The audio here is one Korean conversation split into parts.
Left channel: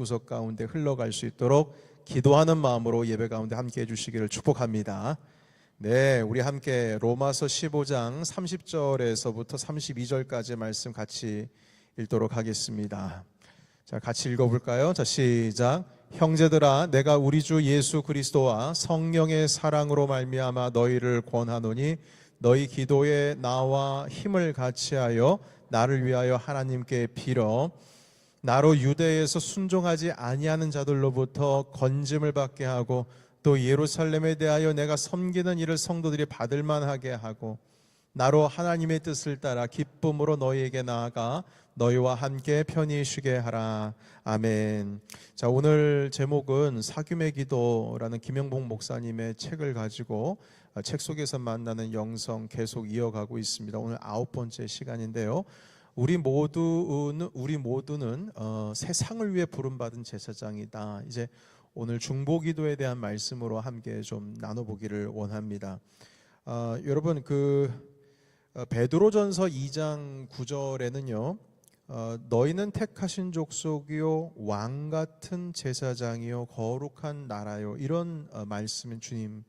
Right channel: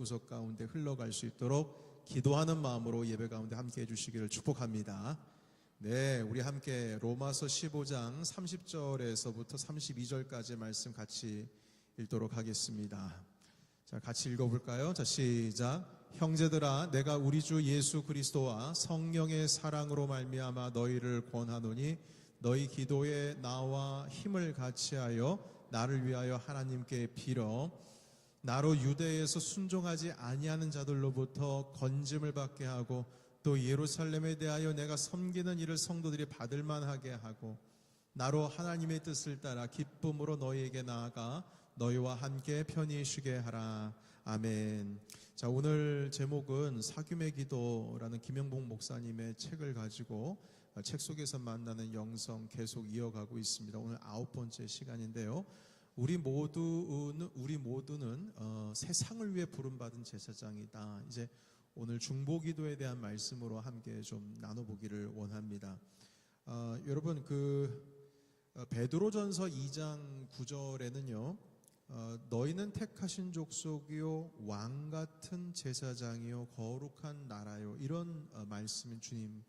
구석구석 가운데 흘러갈 수 있도록 기도하는 마음으로 예배 가운데 함께 해주시기를 축복합니다. 네, 우리 함께 로마서 15장 30절에서부터 32절까지 말씀 같이 읽도록 하겠습니다. 자, 같이 읽어볼까요? 자, 시작. 형제들아, 내가 우리 주 예수 그리스도와 성령의 사랑으로 말미암아 너희를 권하노니 너희 기도에 나와 힘을 같이하여 나를 위하여 하나님께 빌어 나로 유대에서 순종하지 아니하는 자들로부터 건짐을 받게 하고 또 예루살렘에 대하여 내가 섬기는 일을 성도들이 받을 만하게 하고 나로 하나님의 뜻을 따라 기쁨으로 너희에게 나아가 너희와 함께 편히 쉬게 하라. 아멘. 자, 오늘 제목은 사귐의 기도라는 김영복 목사님의 책을 가지고 책 속에서 만나는 영성 계속 이어가고 있습니다. 오늘 9번째 시간인데요. 우리 모두는 세상을 위해 부름받은 제사장이다. 이제 오늘 중보기도에 대한 말씀으로 함께 좀 나눠보기를 원합니다. 여러분, 베드로전서 2장 9절에는요, 너희는 택하신 족속이요 왕 같은 제사장이요 거룩한 나라요, 이런 말씀은 주님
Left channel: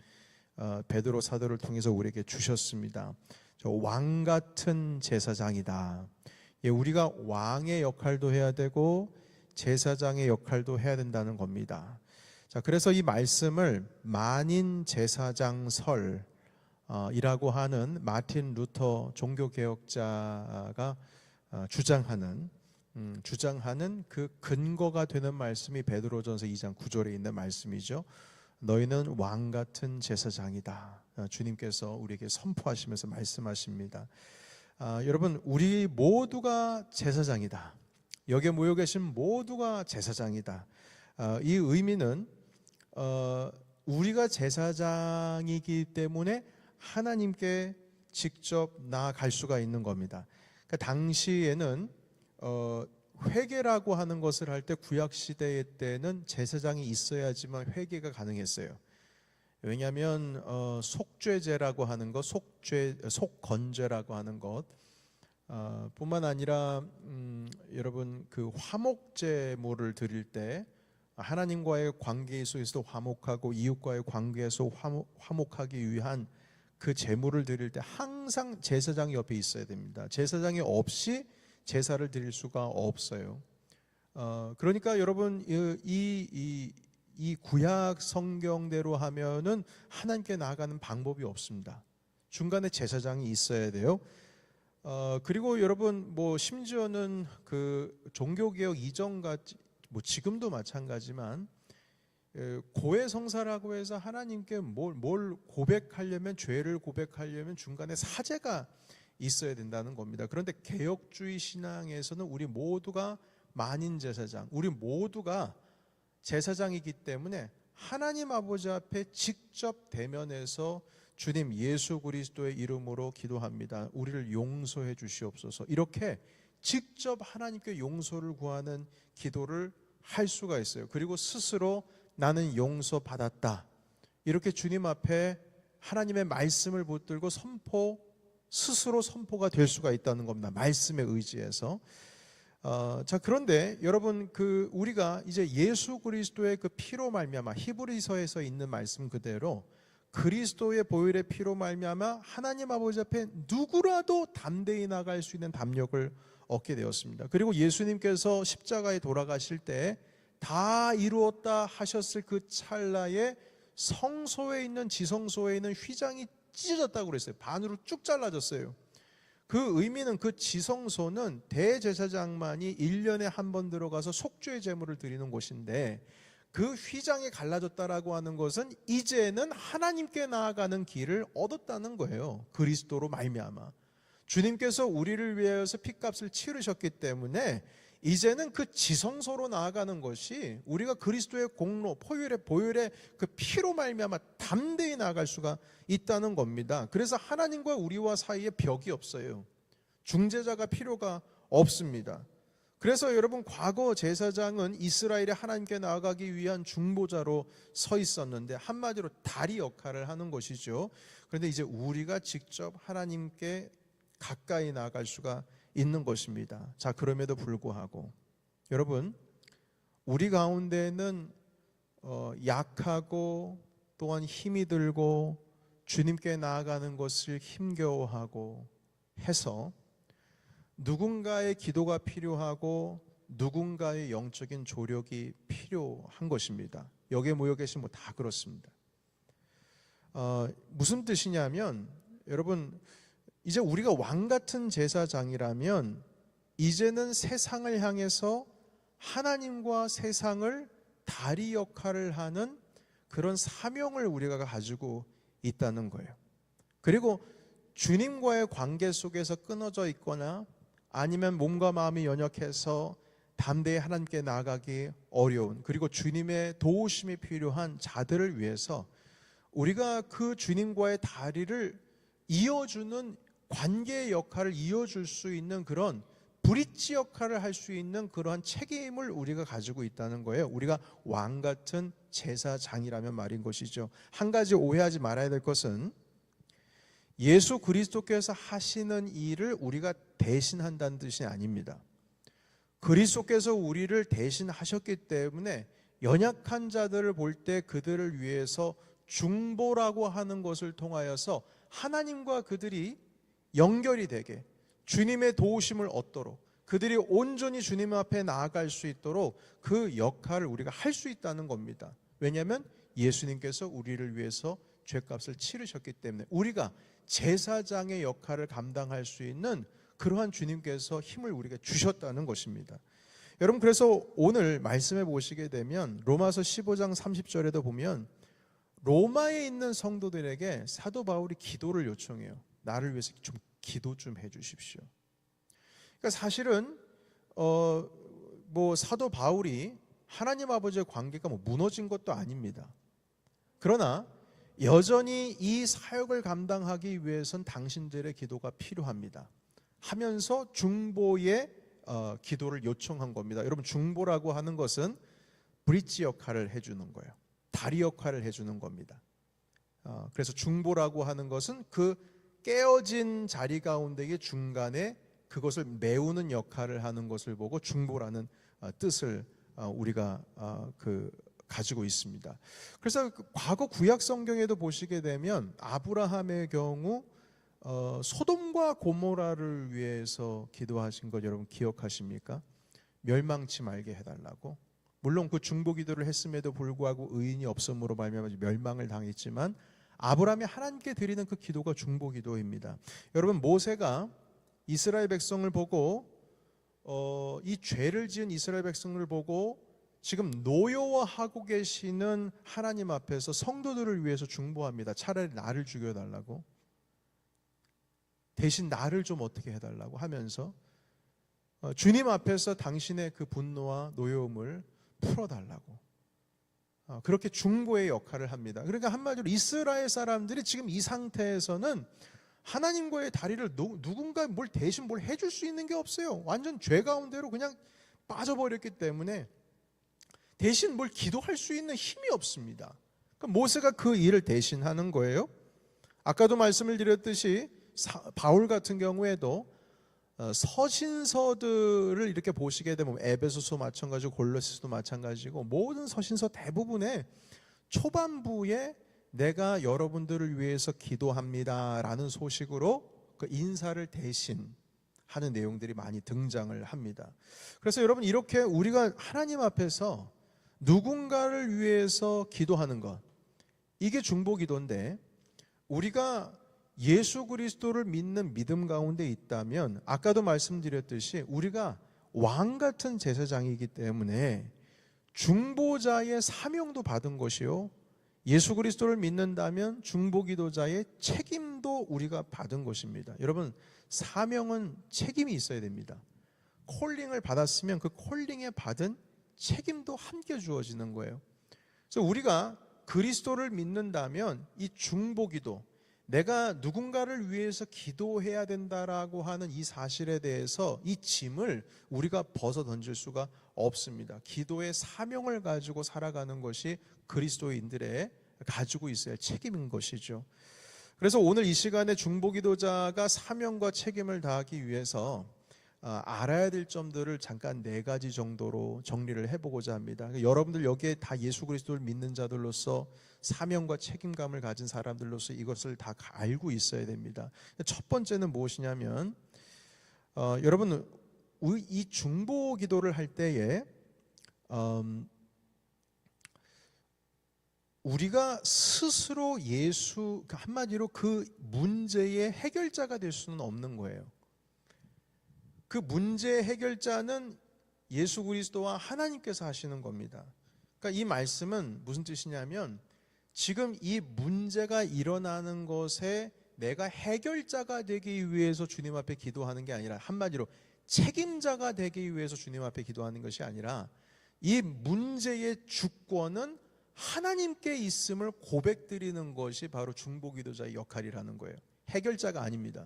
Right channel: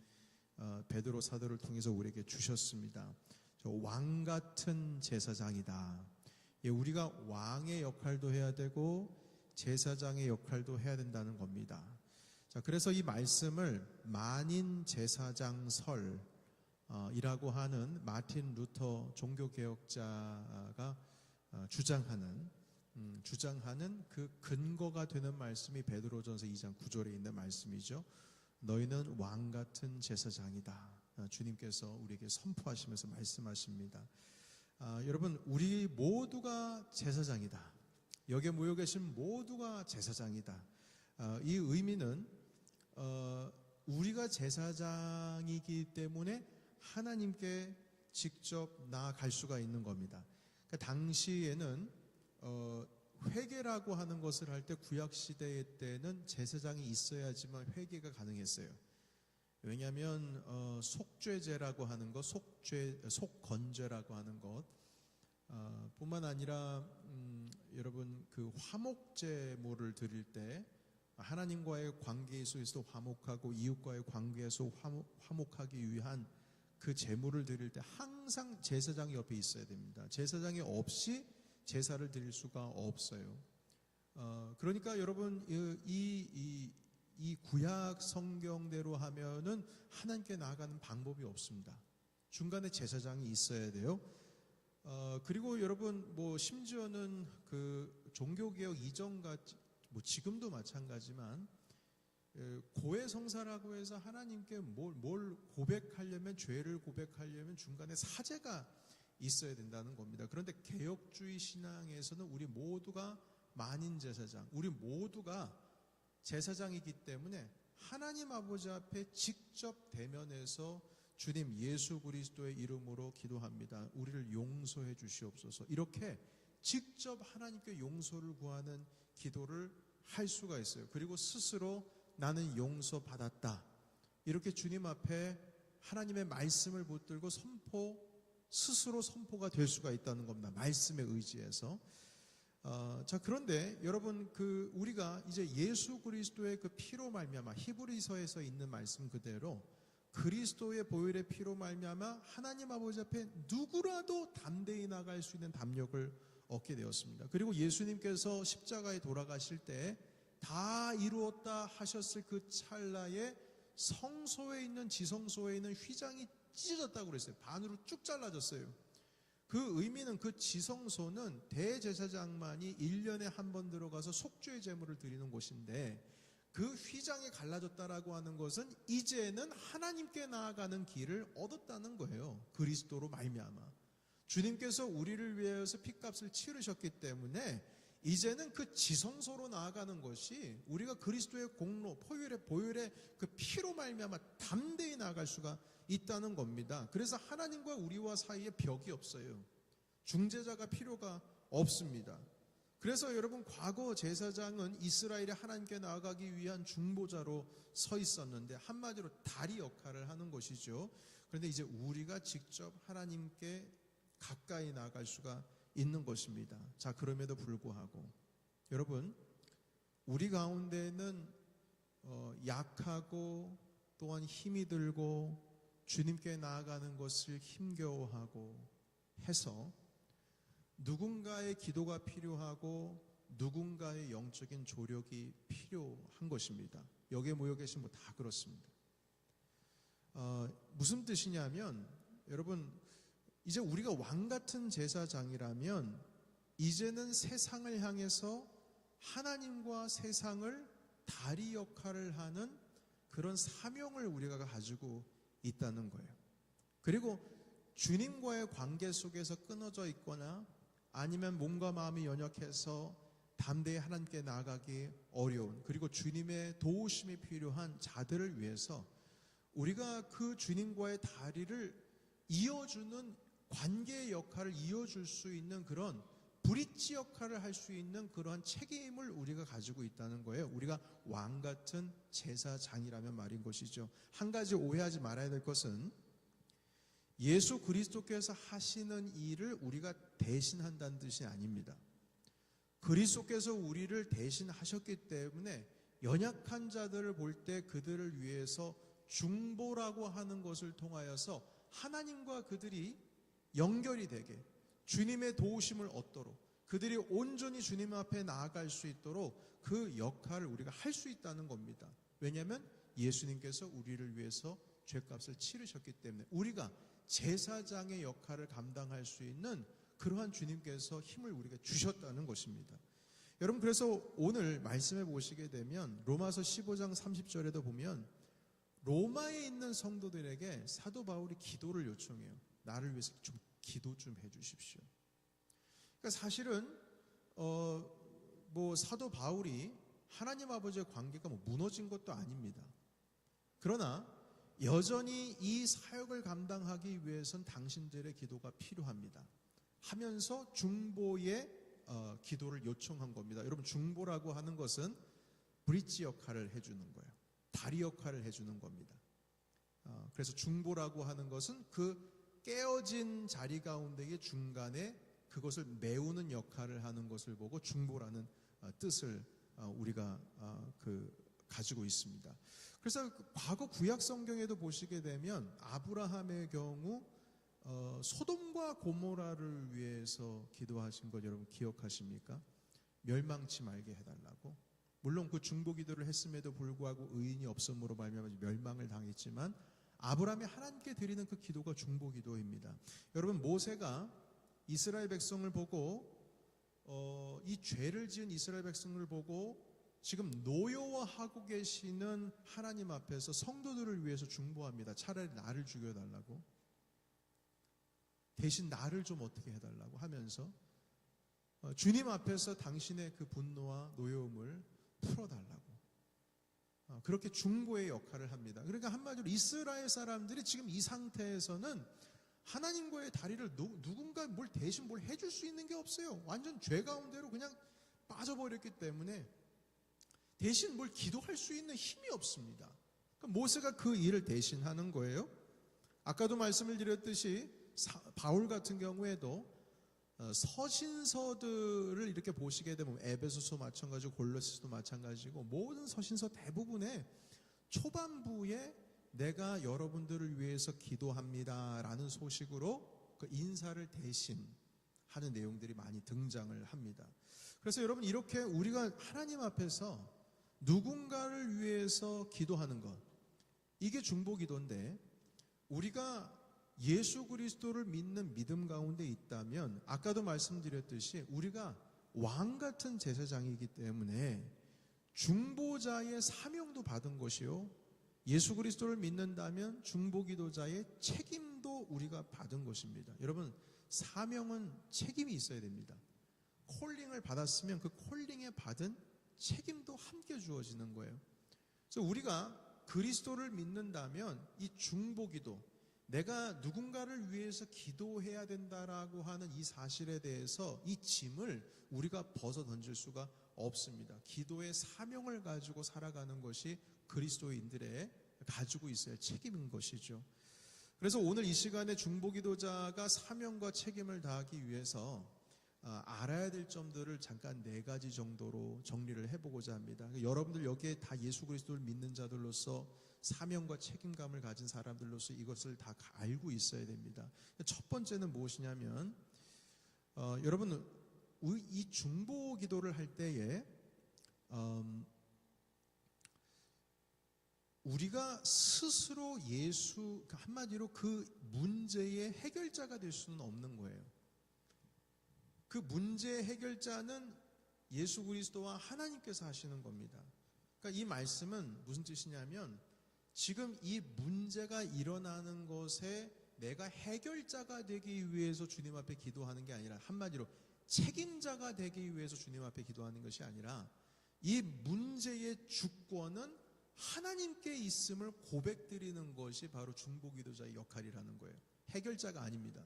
베드로 사도를 통해서 우리에게 주셨습니다. 왕 같은 제사장이다. 예, 우리가 왕의 역할도 해야 되고 제사장의 역할도 해야 된다는 겁니다. 자, 그래서 이 말씀을 만인 제사장설 이라고 하는 마틴 루터 종교개혁자가 주장하는 그 근거가 되는 말씀이 베드로전서 2장 9절에 있는 말씀이죠. 너희는 왕 같은 제사장이다. 주님께서 우리에게 선포하시면서 말씀하십니다. 여러분, 우리 모두가 제사장이다. 여기에 모여 계신 모두가 제사장이다. 이 의미는 우리가 제사장이기 때문에 하나님께 직접 나아갈 수가 있는 겁니다. 그러니까 당시에는 회개라고 하는 것을 할 때 구약 시대 때는 제사장이 있어야지만 회개가 가능했어요. 왜냐하면 속죄제라고 하는 것, 속건죄라고 하는 것 뿐만 아니라 여러분, 그 화목제물을 드릴 때 하나님과의 관계 속에서도 화목하고 이웃과의 관계에서 화목하기 위한 그 제물을 드릴 때 항상 제사장이 옆에 있어야 됩니다. 제사장이 없이 제사를 드릴 수가 없어요. 그러니까 여러분, 이 구약 성경대로 하면은 하나님께 나아가는 방법이 없습니다. 중간에 제사장이 있어야 돼요. 그리고 여러분, 심지어는 그 종교개혁 이전까지, 지금도 마찬가지지만 고해성사라고 해서 하나님께 뭘 고백하려면, 죄를 고백하려면 중간에 사제가 있어야 된다는 겁니다. 그런데 개혁주의 신앙에서는 우리 모두가 만인 제사장, 우리 모두가 제사장이기 때문에 하나님 아버지 앞에 직접 대면해서 주님 예수 그리스도의 이름으로 기도합니다. 우리를 용서해 주시옵소서. 이렇게 직접 하나님께 용서를 구하는 기도를 할 수가 있어요. 그리고 스스로 나는 용서받았다, 이렇게 주님 앞에 하나님의 말씀을 붙들고 스스로 선포가 될 수가 있다는 겁니다. 말씀에 의지해서. 자, 그런데 여러분, 우리가 이제 예수 그리스도의 그 피로 말미암아, 히브리서에서 있는 말씀 그대로 그리스도의 보혈의 피로 말미암아 하나님 아버지 앞에 누구라도 담대히 나갈 수 있는 담력을 얻게 되었습니다. 그리고 예수님께서 십자가에 돌아가실 때 다 이루었다 하셨을 그 찰나에 성소에 있는, 지성소에 있는 휘장이 찢어졌다고 그랬어요. 반으로 쭉 잘라졌어요. 그 의미는 그 지성소는 대제사장만이 1년에 한 번 들어가서 속죄의 제물을 드리는 곳인데, 그 휘장이 갈라졌다라고 하는 것은 이제는 하나님께 나아가는 길을 얻었다는 거예요. 그리스도로 말미암아 주님께서 우리를 위하여서 핏값을 치르셨기 때문에 이제는 그 지성소로 나아가는 것이 우리가 그리스도의 공로, 보혈의 그 피로 말미암아 담대히 나아갈 수가 있다는 겁니다. 그래서 하나님과 우리와 사이에 벽이 없어요. 중재자가 필요가 없습니다. 그래서 여러분, 과거 제사장은 이스라엘이 하나님께 나아가기 위한 중보자로 서 있었는데 한마디로 다리 역할을 하는 것이죠. 그런데 이제 우리가 직접 하나님께 가까이 나아갈 수가 있는 것입니다. 자, 그럼에도 불구하고 여러분, 우리 가운데는 약하고 또한 힘이 들고 주님께 나아가는 것을 힘겨워하고 해서 누군가의 기도가 필요하고 누군가의 영적인 조력이 필요한 것입니다. 여기에 모여 계신 다 그렇습니다. 무슨 뜻이냐면 여러분, 이제 우리가 왕 같은 제사장이라면 이제는 세상을 향해서 하나님과 세상을 다리 역할을 하는 그런 사명을 우리가 가지고 있다는 거예요. 그리고 주님과의 관계 속에서 끊어져 있거나 아니면 몸과 마음이 연약해서 담대히 하나님께 나아가기 어려운, 그리고 주님의 도우심이 필요한 자들을 위해서 우리가 그 주님과의 다리를 이어주는 관계의 역할을 이어줄 수 있는 그런 브릿지 역할을 할 수 있는 그러한 책임을 우리가 가지고 있다는 거예요. 우리가 왕 같은 제사장이라면 말인 것이죠. 한 가지 오해하지 말아야 될 것은 예수 그리스도께서 하시는 일을 우리가 대신한다는 뜻이 아닙니다. 그리스도께서 우리를 대신하셨기 때문에 연약한 자들을 볼 때 그들을 위해서 중보라고 하는 것을 통하여서 하나님과 그들이 연결이 되게, 주님의 도우심을 얻도록, 그들이 온전히 주님 앞에 나아갈 수 있도록 그 역할을 우리가 할 수 있다는 겁니다. 왜냐하면 예수님께서 우리를 위해서 죄값을 치르셨기 때문에 우리가 제사장의 역할을 감당할 수 있는 그러한 주님께서 힘을 우리가 주셨다는 것입니다. 여러분, 그래서 오늘 말씀해 보시게 되면 로마서 15장 30절에도 보면 로마에 있는 성도들에게 사도 바울이 기도를 요청해요. 나를 위해서 좀 기도 좀 해 주십시오. 그러니까 사실은 사도 바울이 하나님 아버지의 관계가 무너진 것도 아닙니다. 그러나 여전히 이 사역을 감당하기 위해선 당신들의 기도가 필요합니다 하면서 중보의 기도를 요청한 겁니다. 여러분, 중보라고 하는 것은 브릿지 역할을 해주는 거예요. 다리 역할을 해주는 겁니다. 그래서 중보라고 하는 것은 그 깨어진 자리 가운데의 중간에 그것을 메우는 역할을 하는 것을 보고 중보라는 뜻을 우리가 가지고 있습니다. 그래서 과거 구약 성경에도 보시게 되면 아브라함의 경우 소돔과 고모라를 위해서 기도하신 것 여러분 기억하십니까? 멸망치 말게 해달라고. 물론 그 중보 기도를 했음에도 불구하고 의인이 없음으로 말미암아 멸망을 당했지만 아브라함이 하나님께 드리는 그 기도가 중보 기도입니다. 여러분, 모세가 이스라엘 백성을 보고 이 죄를 지은 이스라엘 백성을 보고 지금 노여워하고 계시는 하나님 앞에서 성도들을 위해서 중보합니다. 차라리 나를 죽여달라고, 대신 나를 좀 어떻게 해달라고 하면서 주님 앞에서 당신의 그 분노와 노여움을 풀어달라고, 그렇게 중보의 역할을 합니다. 그러니까 한마디로 이스라엘 사람들이 지금 이 상태에서는 하나님과의 다리를 누군가 대신 뭘 해줄 수 있는 게 없어요. 완전 죄 가운데로 그냥 빠져버렸기 때문에 대신 뭘 기도할 수 있는 힘이 없습니다. 그러니까 모세가 그 일을 대신하는 거예요. 아까도 말씀을 드렸듯이 바울 같은 경우에도 서신서들을 이렇게 보시게 되면 에베소서 마찬가지고 골로새서도 마찬가지고 모든 서신서 대부분에 초반부에 내가 여러분들을 위해서 기도합니다라는 소식으로 그 인사를 대신 하는 내용들이 많이 등장을 합니다. 그래서 여러분, 이렇게 우리가 하나님 앞에서 누군가를 위해서 기도하는 것, 이게 중보 기도인데, 우리가 예수 그리스도를 믿는 믿음 가운데 있다면 아까도 말씀드렸듯이 우리가 왕 같은 제사장이기 때문에 중보자의 사명도 받은 것이요, 예수 그리스도를 믿는다면 중보기도자의 책임도 우리가 받은 것입니다. 여러분, 사명은 책임이 있어야 됩니다. 콜링을 받았으면 그 콜링에 받은 책임도 함께 주어지는 거예요. 그래서 우리가 그리스도를 믿는다면 이 중보기도, 내가 누군가를 위해서 기도해야 된다라고 하는 이 사실에 대해서 이 짐을 우리가 벗어 던질 수가 없습니다. 기도의 사명을 가지고 살아가는 것이 그리스도인들의 가지고 있어야 할 책임인 것이죠. 그래서 오늘 이 시간에 중보기도자가 사명과 책임을 다하기 위해서 알아야 될 점들을 잠깐 4가지 정도로 정리를 해보고자 합니다. 여러분들 여기에 다 예수 그리스도를 믿는 자들로서 사명과 책임감을 가진 사람들로서 이것을 다 알고 있어야 됩니다. 첫 번째는 무엇이냐면 여러분 이 중보 기도를 할 때에 우리가 스스로 한마디로 그 문제의 해결자가 될 수는 없는 거예요. 그 문제의 해결자는 예수 그리스도와 하나님께서 하시는 겁니다. 그러니까 이 말씀은 무슨 뜻이냐면 지금 이 문제가 일어나는 것에 내가 해결자가 되기 위해서 주님 앞에 기도하는 게 아니라, 한마디로 책임자가 되기 위해서 주님 앞에 기도하는 것이 아니라, 이 문제의 주권은 하나님께 있음을 고백드리는 것이 바로 중보기도자의 역할이라는 거예요. 해결자가 아닙니다.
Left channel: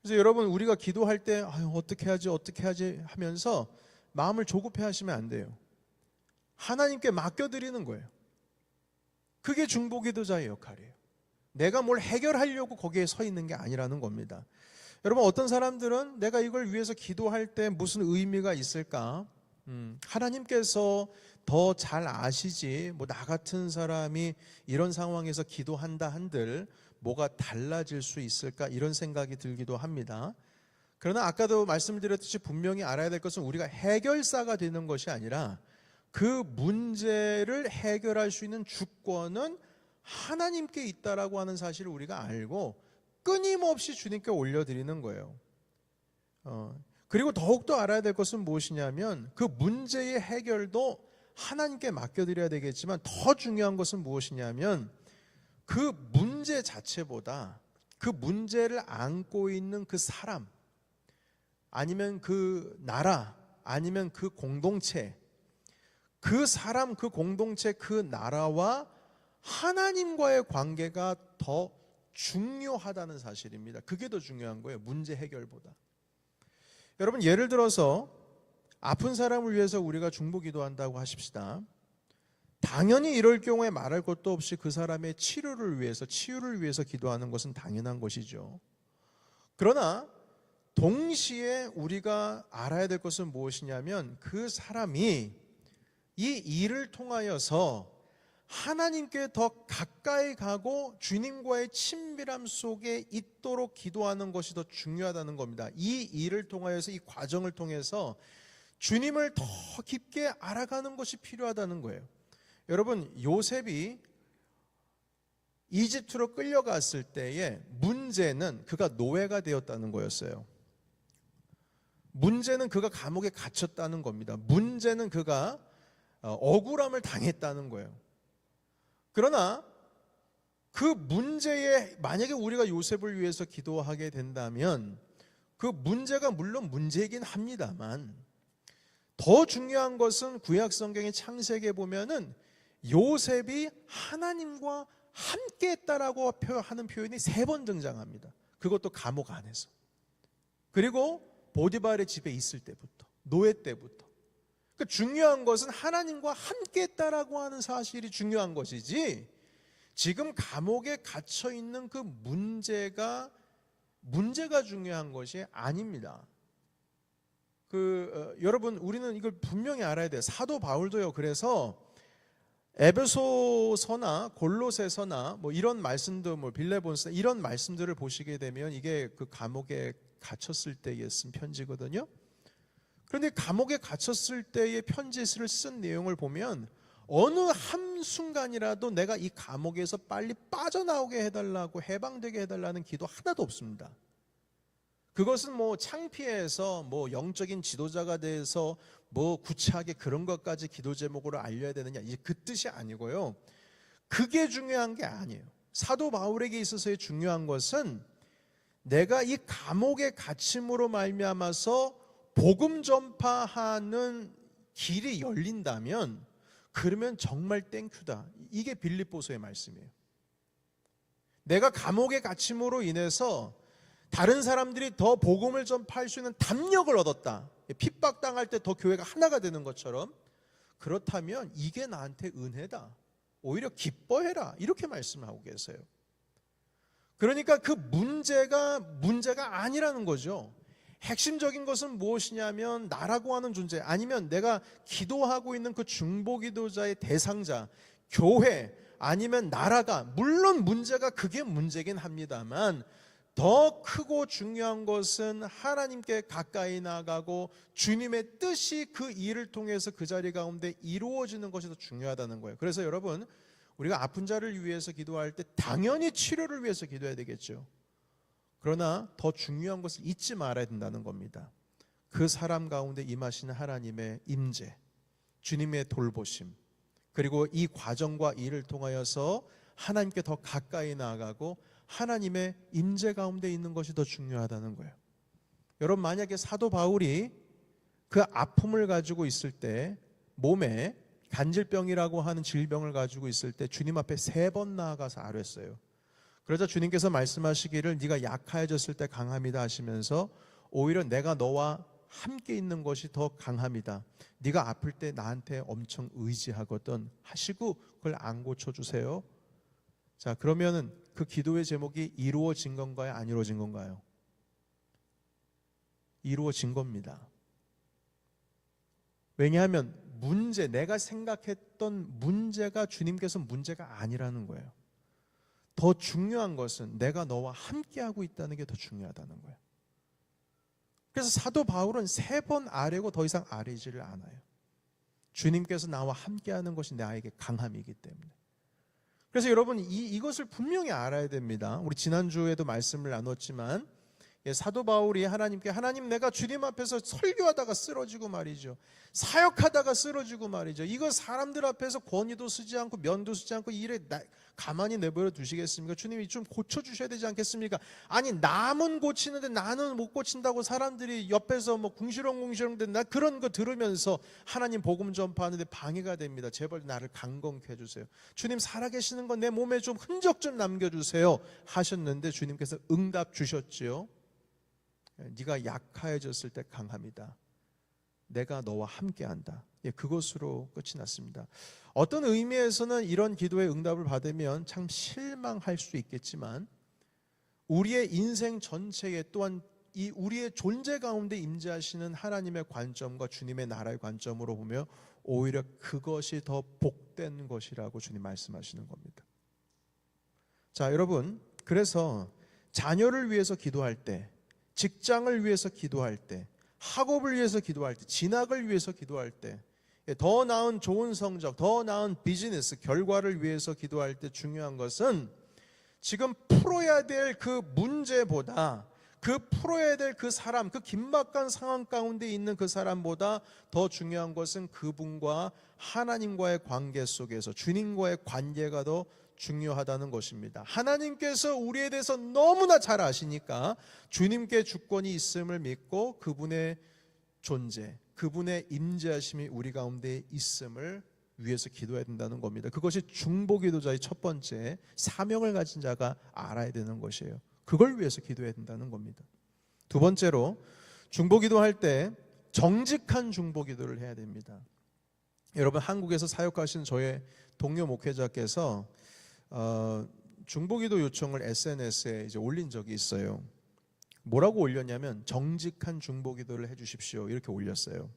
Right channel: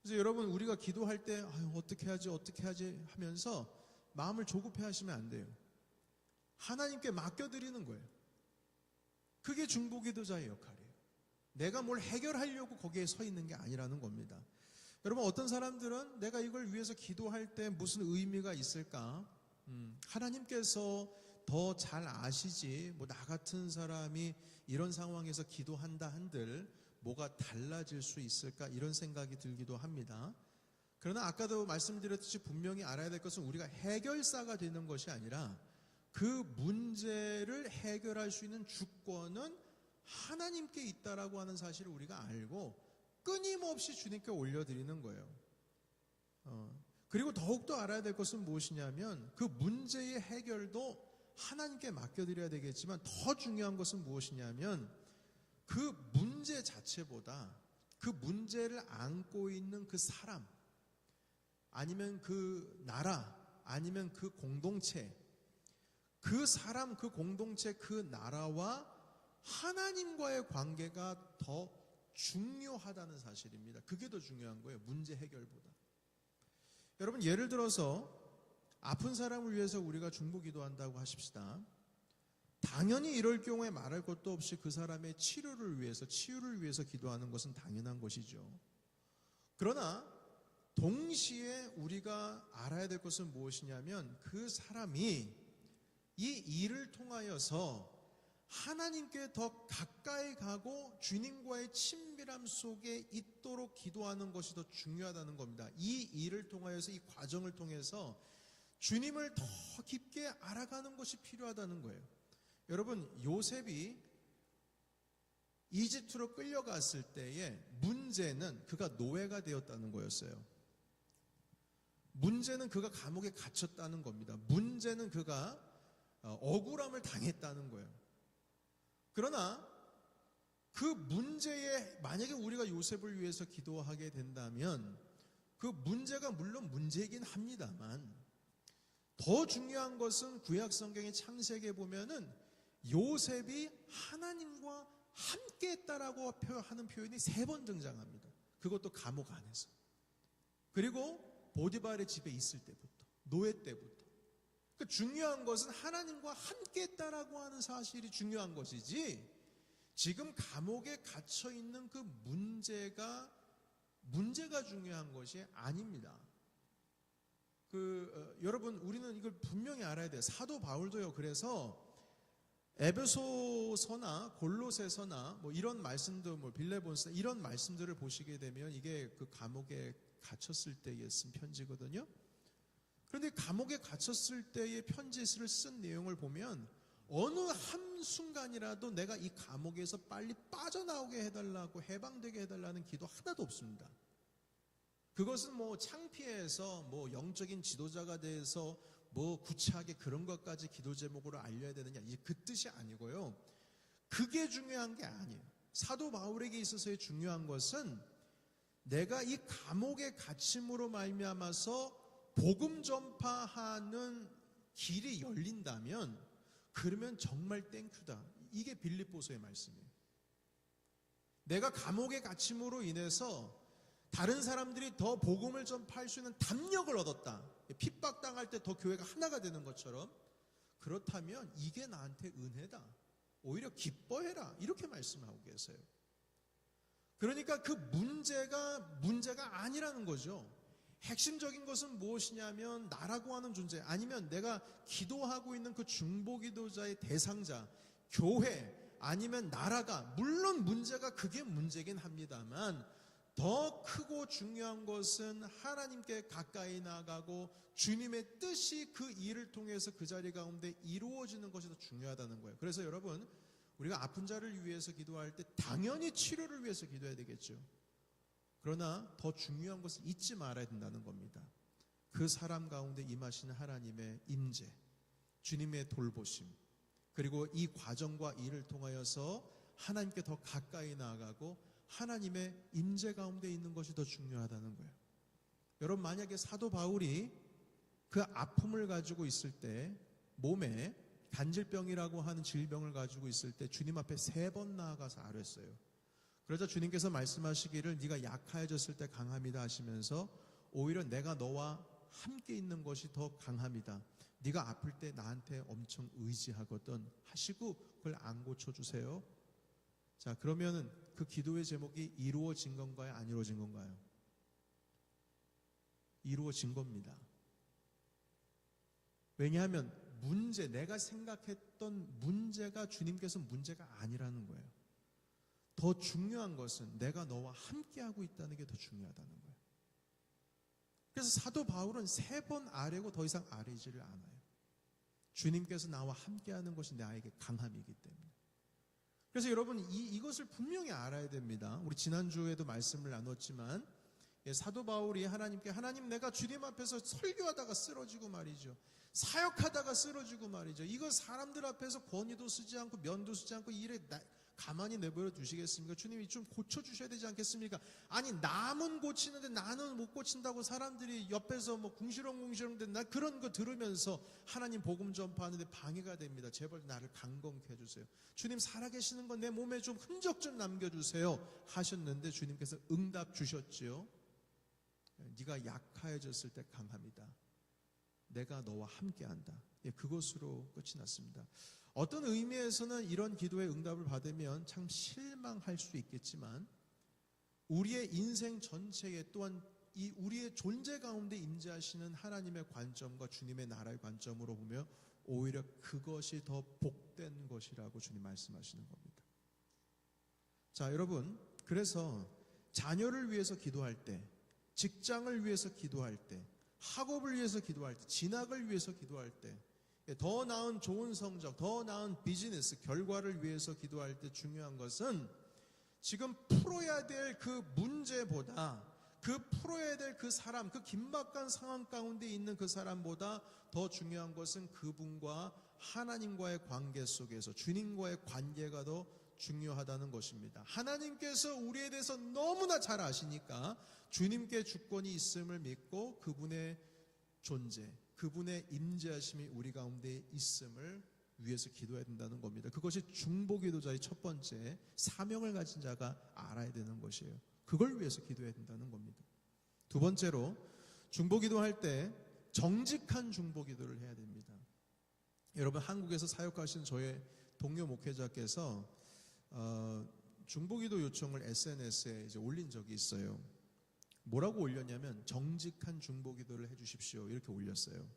그래서 여러분 우리가 기도할 때 어떻게 하지 하면서 마음을 조급해 하시면 안 돼요. 하나님께 맡겨드리는 거예요. 그게 중보기도자의 역할이에요. 내가 뭘 해결하려고 거기에 서 있는 게 아니라는 겁니다. 여러분 어떤 사람들은 내가 이걸 위해서 기도할 때 무슨 의미가 있을까? 하나님께서 더 잘 아시지, 나 같은 사람이 이런 상황에서 기도한다 한들 뭐가 달라질 수 있을까, 이런 생각이 들기도 합니다. 그러나 아까도 말씀드렸듯이 분명히 알아야 될 것은 우리가 해결사가 되는 것이 아니라 그 문제를 해결할 수 있는 주권은 하나님께 있다라고 하는 사실을 우리가 알고 끊임없이 주님께 올려드리는 거예요. 그리고 더욱더 알아야 될 것은 무엇이냐면 그 문제의 해결도 하나님께 맡겨드려야 되겠지만 더 중요한 것은 무엇이냐면 그 문제 자체보다 그 문제를 안고 있는 그 사람, 아니면 그 나라, 아니면 그 공동체, 그 사람, 그 공동체, 그 나라와 하나님과의 관계가 더 중요하다는 사실입니다. 그게 더 중요한 거예요, 문제 해결보다. 여러분 예를 들어서 아픈 사람을 위해서 우리가 중보 기도한다고 하십시다. 당연히 이럴 경우에 말할 것도 없이 그 사람의 치유를 위해서 기도하는 것은 당연한 것이죠. 그러나 동시에 우리가 알아야 될 것은 무엇이냐면 그 사람이 이 일을 통하여서 하나님께 더 가까이 가고 주님과의 친밀함 속에 있도록 기도하는 것이 더 중요하다는 겁니다. 이 일을 통하여서, 이 과정을 통해서 주님을 더 깊게 알아가는 것이 필요하다는 거예요. 여러분 요셉이 이집트로 끌려갔을 때의 문제는 그가 노예가 되었다는 거였어요. 문제는 그가 감옥에 갇혔다는 겁니다. 문제는 그가 억울함을 당했다는 거예요. 그러나 그 문제에 만약에 우리가 요셉을 위해서 기도하게 된다면 그 문제가 물론 문제이긴 합니다만 더 중요한 것은 구약 성경의 창세기에 보면은 요셉이 하나님과 함께 했다라고 하는 표현이 3번 등장합니다. 그것도 감옥 안에서. 그리고 보디발의 집에 있을 때부터, 노예 때부터. 그러니까 중요한 것은 하나님과 함께 했다라고 하는 사실이 중요한 것이지, 지금 감옥에 갇혀 있는 그 문제가 중요한 것이 아닙니다. 여러분 우리는 이걸 분명히 알아야 돼요. 사도 바울도요. 그래서 에베소서나 골로새서나 이런 말씀도 빌레본서 이런 말씀들을 보시게 되면 이게 그 감옥에 갇혔을 때에 쓴 편지거든요. 그런데 감옥에 갇혔을 때의 편지를 쓴 내용을 보면 어느 한순간이라도 내가 이 감옥에서 빨리 빠져나오게 해달라고, 해방되게 해달라는 기도 하나도 없습니다. 그것은 창피해서 영적인 지도자가 돼서 구차하게 그런 것까지 기도 제목으로 알려야 되느냐, 이제 그 뜻이 아니고요. 그게 중요한 게 아니에요. 사도 바울에게 있어서의 중요한 것은 내가 이 감옥의 갇힘으로 말미암아서 복음 전파하는 길이 열린다면 그러면 정말 땡큐다. 이게 빌립보서의 말씀이에요. 내가 감옥의 갇힘으로 인해서 다른 사람들이 더 복음을 전파할 수 있는 담력을 얻었다. 핍박당할 때 더 교회가 하나가 되는 것처럼, 그렇다면 이게 나한테 은혜다. 오히려 기뻐해라. 이렇게 말씀하고 계세요. 그러니까 그 문제가 아니라는 거죠. 핵심적인 것은 무엇이냐면 나라고 하는 존재, 아니면 내가 기도하고 있는 그 중보기도자의 대상자, 교회, 아니면 나라가, 물론 문제가 그게 문제긴 합니다만 더 크고 중요한 것은 하나님께 가까이 나가고 주님의 뜻이 그 일을 통해서 그 자리 가운데 이루어지는 것이 더 중요하다는 거예요. 그래서 여러분, 우리가 아픈 자를 위해서 기도할 때 당연히 치료를 위해서 기도해야 되겠죠. 그러나 더 중요한 것을 잊지 말아야 된다는 겁니다. 그 사람 가운데 임하시는 하나님의 임재, 주님의 돌보심, 그리고 이 과정과 일을 통하여서 하나님께 더 가까이 나아가고 하나님의 임재 가운데 있는 것이 더 중요하다는 거예요. 여러분, 만약에 사도 바울이 그 아픔을 가지고 있을 때, 몸에 간질병이라고 하는 질병을 가지고 있을 때 주님 앞에 3번 나아가서 아뢰었어요. 그러자 주님께서 말씀하시기를 네가 약해졌을 때 강함이다 하시면서 오히려 내가 너와 함께 있는 것이 더 강함이다. 네가 아플 때 나한테 엄청 의지하거든 하시고 그걸 안 고쳐주세요. 자, 그러면은 그 기도의 제목이 이루어진 건가요? 안 이루어진 건가요? 이루어진 겁니다. 왜냐하면 내가 생각했던 문제가 주님께서 문제가 아니라는 거예요. 더 중요한 것은 내가 너와 함께하고 있다는 게 더 중요하다는 거예요. 그래서 사도 바울은 3번 아뢰고 더 이상 아뢰지를 않아요. 주님께서 나와 함께하는 것이 나에게 강함이기 때문에. 그래서 여러분, 이것을 분명히 알아야 됩니다. 우리 지난주에도 말씀을 나눴지만 사도 바울이 하나님께, 하나님, 내가 주님 앞에서 설교하다가 쓰러지고 말이죠, 사역하다가 쓰러지고 말이죠, 이거 사람들 앞에서 권위도 쓰지 않고 면도 쓰지 않고 이래 가만히 내버려 두시겠습니까? 주님이 좀 고쳐주셔야 되지 않겠습니까? 아니, 남은 고치는데 나는 못 고친다고 사람들이 옆에서 뭐 궁시렁궁시렁 나 그런 거 들으면서 하나님 복음 전파하는데 방해가 됩니다. 제발 나를 강건케 해주세요. 주님, 살아계시는 건 내 몸에 좀 흔적 좀 남겨주세요 하셨는데 주님께서 응답 주셨지요. 네가 약해졌을 때 강합니다. 내가 너와 함께한다. 그것으로 끝이 났습니다. 어떤 의미에서는 이런 기도의 응답을 받으면 참 실망할 수 있겠지만 우리의 인생 전체에 또한 이 우리의 존재 가운데 임재하시는 하나님의 관점과 주님의 나라의 관점으로 보며 오히려 그것이 더 복된 것이라고 주님 말씀하시는 겁니다. 자, 여러분, 그래서 자녀를 위해서 기도할 때, 직장을 위해서 기도할 때, 학업을 위해서 기도할 때, 진학을 위해서 기도할 때, 더 나은 좋은 성적, 더 나은 비즈니스 결과를 위해서 기도할 때 중요한 것은 지금 풀어야 될 그 문제보다, 그 풀어야 될 그 사람, 그 긴박한 상황 가운데 있는 그 사람보다 더 중요한 것은 그분과 하나님과의 관계 속에서 주님과의 관계가 더 중요하다는 것입니다. 하나님께서 우리에 대해서 너무나 잘 아시니까 주님께 주권이 있음을 믿고 그분의 존재, 그분의 임재하심이 우리 가운데 있음을 위해서 기도해야 된다는 겁니다. 그것이 중보기도자의 첫 번째 사명을 가진 자가 알아야 되는 것이에요. 그걸 위해서 기도해야 된다는 겁니다. 두 번째로, 중보기도할 때 정직한 중보기도를 해야 됩니다. 여러분, 한국에서 사역하시는 저의 동료 목회자께서 중보기도 요청을 SNS에 이제 올린 적이 있어요. 뭐라고 올렸냐면 정직한 중보기도를 해주십시오 이렇게 올렸어요.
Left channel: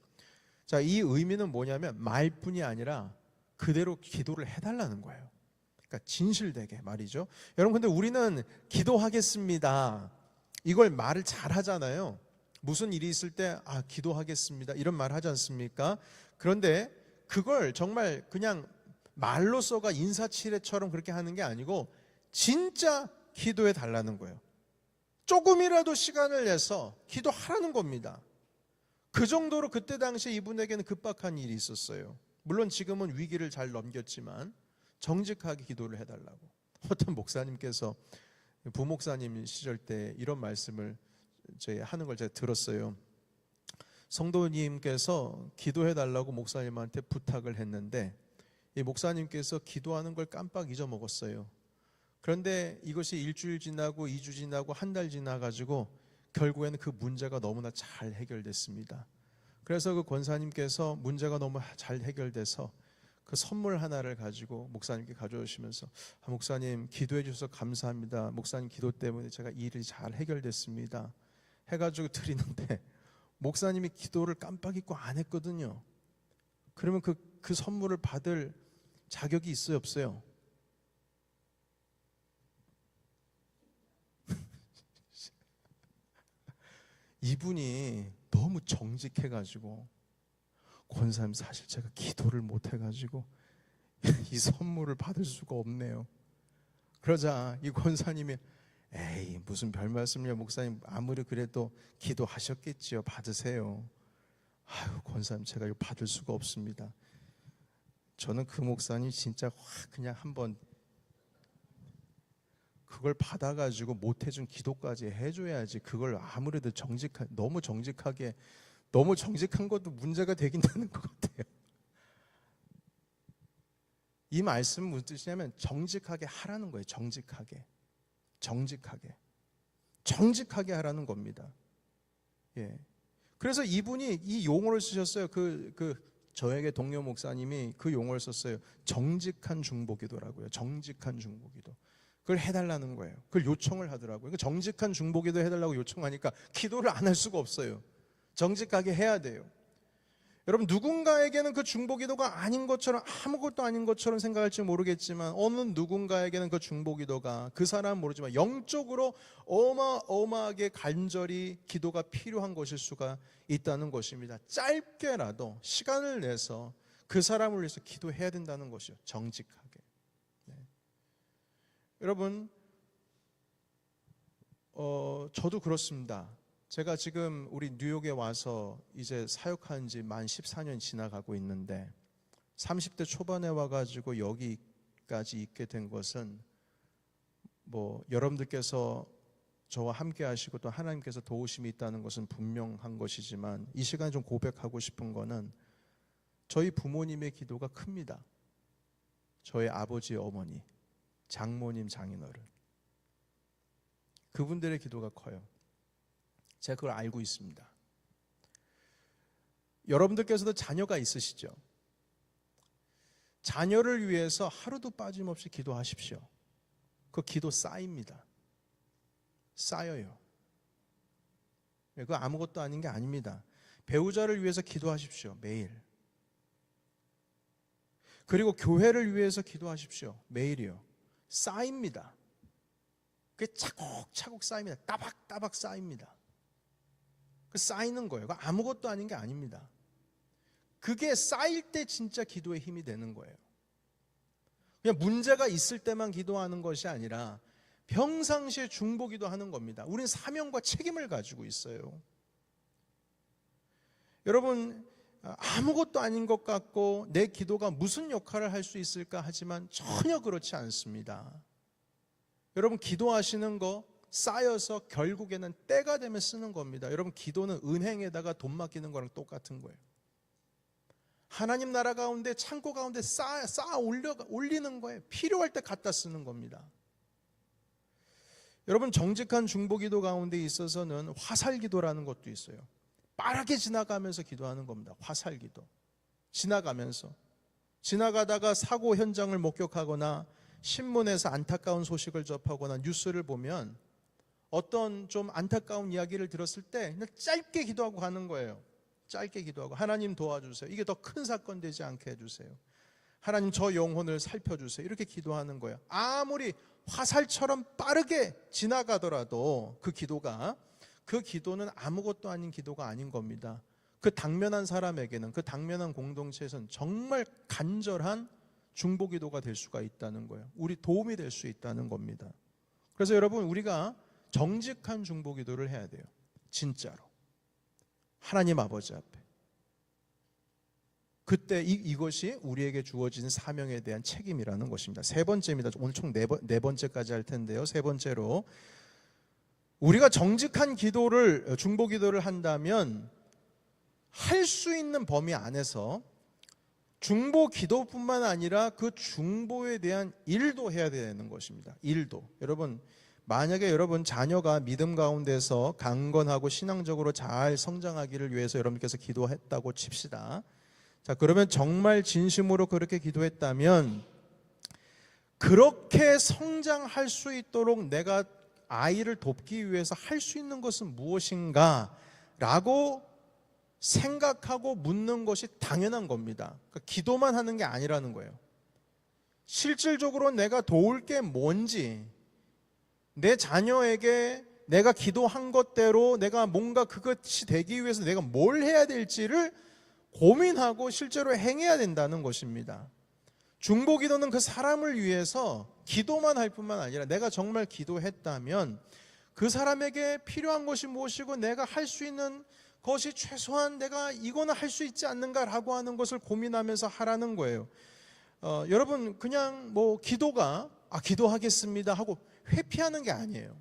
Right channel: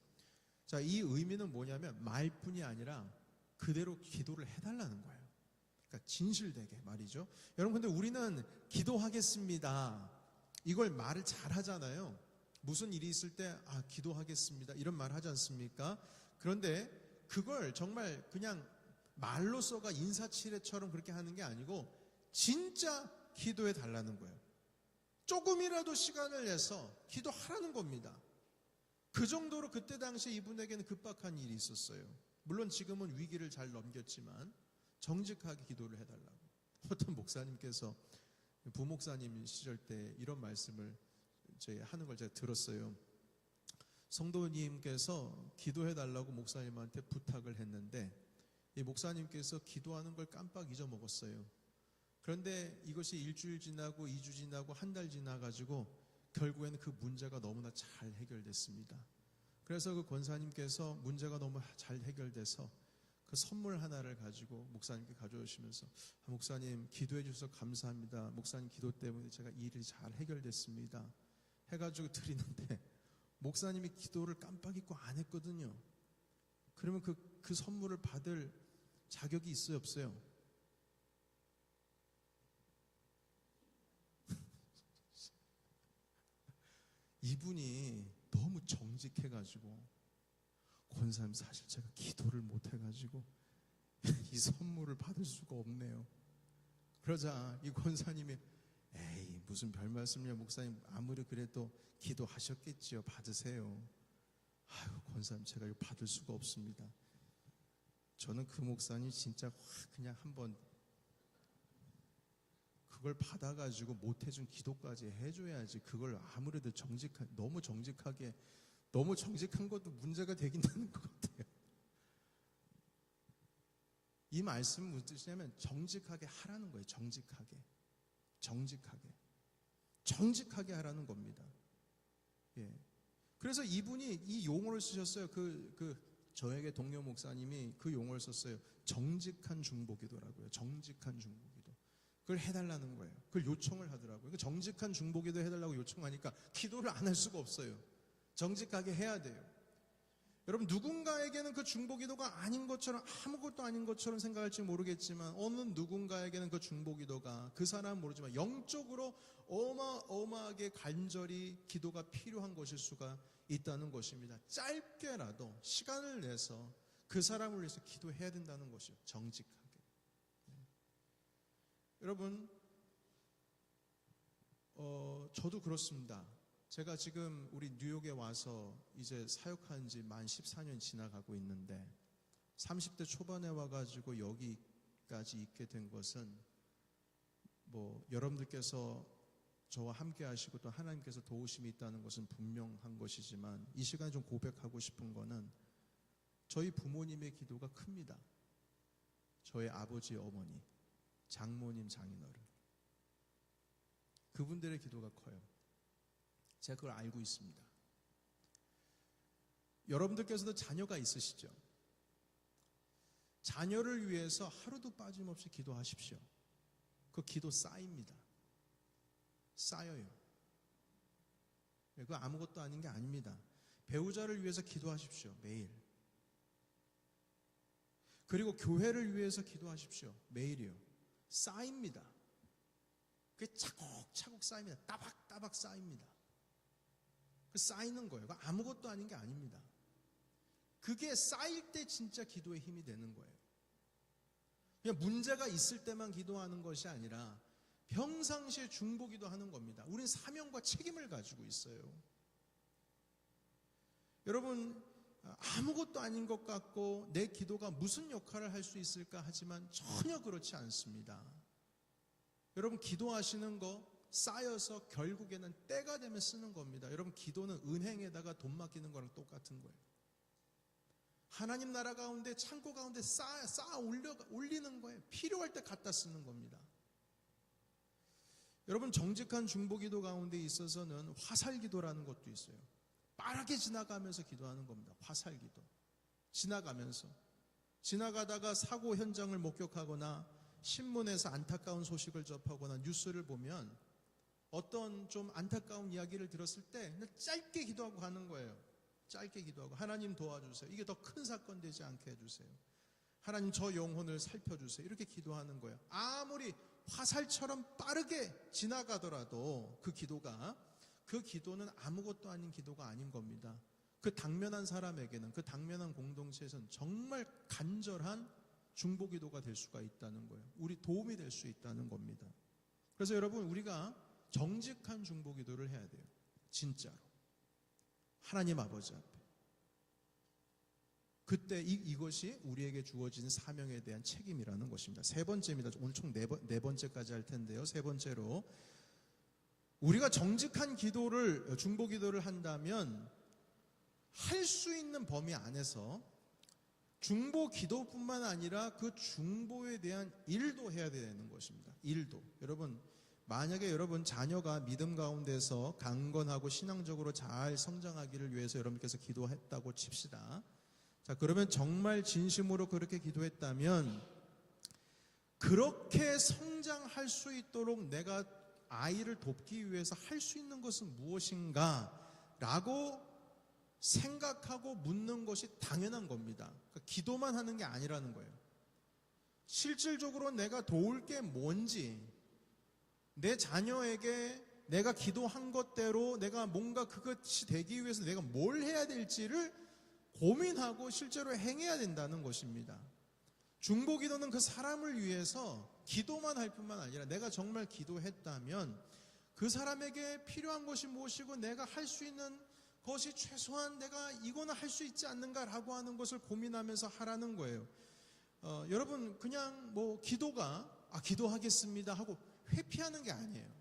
자, 이 의미는 뭐냐면 말뿐이 아니라 그대로 기도를 해달라는 거예요. 그러니까 진실되게 말이죠. 여러분, 근데 우리는 기도하겠습니다 이걸 말을 잘 하잖아요. 무슨 일이 있을 때 기도하겠습니다 이런 말 하지 않습니까? 그런데 그걸 정말 그냥 말로써가 인사치레처럼 그렇게 하는 게 아니고 진짜 기도해 달라는 거예요. 조금이라도 시간을 내서 기도하라는 겁니다. 그 정도로 그때 당시에 이분에게는 급박한 일이 있었어요. 물론 지금은 위기를 잘 넘겼지만 정직하게 기도를 해달라고. 어떤 목사님께서 부목사님 시절 때 이런 말씀을 하는 걸 제가 들었어요. 성도님께서 기도해달라고 목사님한테 부탁을 했는데 이 목사님께서 기도하는 걸 깜빡 잊어먹었어요. 그런데 이것이 일주일 지나고 2주 지나고 한 달 지나가지고 결국에는 그 문제가 너무나 잘 해결됐습니다. 그래서 그 권사님께서 문제가 너무 잘 해결돼서 그 선물 하나를 가지고 목사님께 가져오시면서 목사님 기도해 주셔서 감사합니다. 목사님 기도 때문에 제가 일이 잘 해결됐습니다. 해가지고 드리는데 목사님이 기도를 깜빡 잊고 안 했거든요. 그러면 그 선물을 받을 자격이 있어요, 없어요? 이분이 너무 정직해가지고, 권사님 사실 제가 기도를 못해가지고 이 선물을 받을 수가 없네요. 그러자 이 권사님이 에이 무슨 별 말씀이야 목사님, 아무리 그래도 기도하셨겠지요, 받으세요. 아유 권사님 제가 이거 받을 수가 없습니다. 저는 그 목사님 진짜 확 그냥 한번 그걸 받아가지고 못해준 기도까지 해줘야지. 그걸 아무래도 너무 정직한 것도 문제가 되긴 하는 것 같아요. 이 말씀은 무슨 뜻이냐면 정직하게 하라는 거예요. 정직하게 하라는 겁니다. 예. 그래서 이분이 이 용어를 쓰셨어요. 저에게 동료 목사님이 그 용어를 썼어요. 정직한 중보기도라고요. 정직한 중보기도. 그걸 해달라는 거예요. 그걸 요청을 하더라고요. 정직한 중보기도 해달라고 요청하니까 기도를 안 할 수가 없어요. 정직하게 해야 돼요. 여러분 누군가에게는 그 중보기도가 아닌 것처럼, 아무것도 아닌 것처럼 생각할지 모르겠지만 어느 누군가에게는 그 중보기도가, 그 사람은 모르지만 영적으로 어마어마하게 간절히 기도가 필요한 것일 수가 있다는 것입니다. 짧게라도 시간을 내서 그 사람을 위해서 기도해야 된다는 것이요. 정직하게. 네. 여러분 저도 그렇습니다. 제가 지금 우리 뉴욕에 와서 이제 사역한 지 만 14년 지나가고 있는데 30대 초반에 와가지고 여기까지 있게 된 것은 여러분들께서 저와 함께 하시고 또 하나님께서 도우심이 있다는 것은 분명한 것이지만, 이 시간에 좀 고백하고 싶은 거는 저희 부모님의 기도가 큽니다. 저의 아버지, 어머니, 장모님, 장인어른, 그분들의 기도가 커요. 제가 그걸 알고 있습니다. 여러분들께서도 자녀가 있으시죠? 자녀를 위해서 하루도 빠짐없이 기도하십시오. 그 기도 쌓입니다. 쌓여요. 그거 아무것도 아닌 게 아닙니다. 배우자를 위해서 기도하십시오. 매일. 그리고 교회를 위해서 기도하십시오. 매일이요. 쌓입니다. 그게 차곡차곡 쌓입니다. 따박따박 쌓입니다. 쌓이는 거예요. 아무것도 아닌 게 아닙니다. 그게 쌓일 때 진짜 기도의 힘이 되는 거예요. 그냥 문제가 있을 때만 기도하는 것이 아니라 평상시에 중보기도 하는 겁니다. 우리는 사명과 책임을 가지고 있어요. 여러분 아무것도 아닌 것 같고 내 기도가 무슨 역할을 할 수 있을까 하지만 전혀 그렇지 않습니다. 여러분 기도하시는 거 쌓여서 결국에는 때가 되면 쓰는 겁니다. 여러분 기도는 은행에다가 돈 맡기는 거랑 똑같은 거예요. 하나님 나라 가운데 창고 가운데 쌓아 올리는 거예요. 필요할 때 갖다 쓰는 겁니다. 여러분 정직한 중보기도 가운데 있어서는 화살기도라는 것도 있어요. 빠르게 지나가면서 기도하는 겁니다. 화살기도. 지나가다가 사고 현장을 목격하거나 신문에서 안타까운 소식을 접하거나 뉴스를 보면 어떤 좀 안타까운 이야기를 들었을 때 그냥 짧게 기도하고 가는 거예요. 짧게 기도하고 하나님 도와주세요. 이게 더 큰 사건 되지 않게 해주세요. 하나님 저 영혼을 살펴주세요. 이렇게 기도하는 거예요. 아무리 화살처럼 빠르게 지나가더라도 그 기도는 아무것도 아닌 기도가 아닌 겁니다. 그 당면한 사람에게는, 그 당면한 공동체에서는 정말 간절한 중보기도가 될 수가 있다는 거예요. 우리 도움이 될 수 있다는 겁니다. 그래서 여러분 우리가 정직한 중보기도를 해야 돼요. 진짜로 하나님 아버지 앞에. 그때 이것이 우리에게 주어진 사명에 대한 책임이라는 것입니다. 세 번째입니다. 오늘 총 네 번째까지 할 텐데요. 세 번째로 우리가 정직한 중보기도를 한다면 할 수 있는 범위 안에서 중보기도뿐만 아니라 그 중보에 대한 일도 해야 되는 것입니다. 일도. 여러분 만약에 여러분 자녀가 믿음 가운데서 강건하고 신앙적으로 잘 성장하기를 위해서 여러분께서 기도했다고 칩시다. 자, 그러면 정말 진심으로 그렇게 기도했다면 그렇게 성장할 수 있도록 내가 아이를 돕기 위해서 할 수 있는 것은 무엇인가? 라고 생각하고 묻는 것이 당연한 겁니다. 그러니까 기도만 하는 게 아니라는 거예요. 실질적으로 내가 도울 게 뭔지, 내 자녀에게 내가 기도한 것대로 내가 뭔가 그것이 되기 위해서 내가 뭘 해야 될지를 고민하고 실제로 행해야 된다는 것입니다. 중보기도는 그 사람을 위해서 기도만 할 뿐만 아니라 내가 정말 기도했다면 그 사람에게 필요한 것이 무엇이고 내가 할 수 있는 것이 최소한 내가 이거는 할 수 있지 않는가라고 하는 것을 고민하면서 하라는 거예요. 여러분 그냥 뭐 기도가 기도하겠습니다 하고 회피하는 게 아니에요.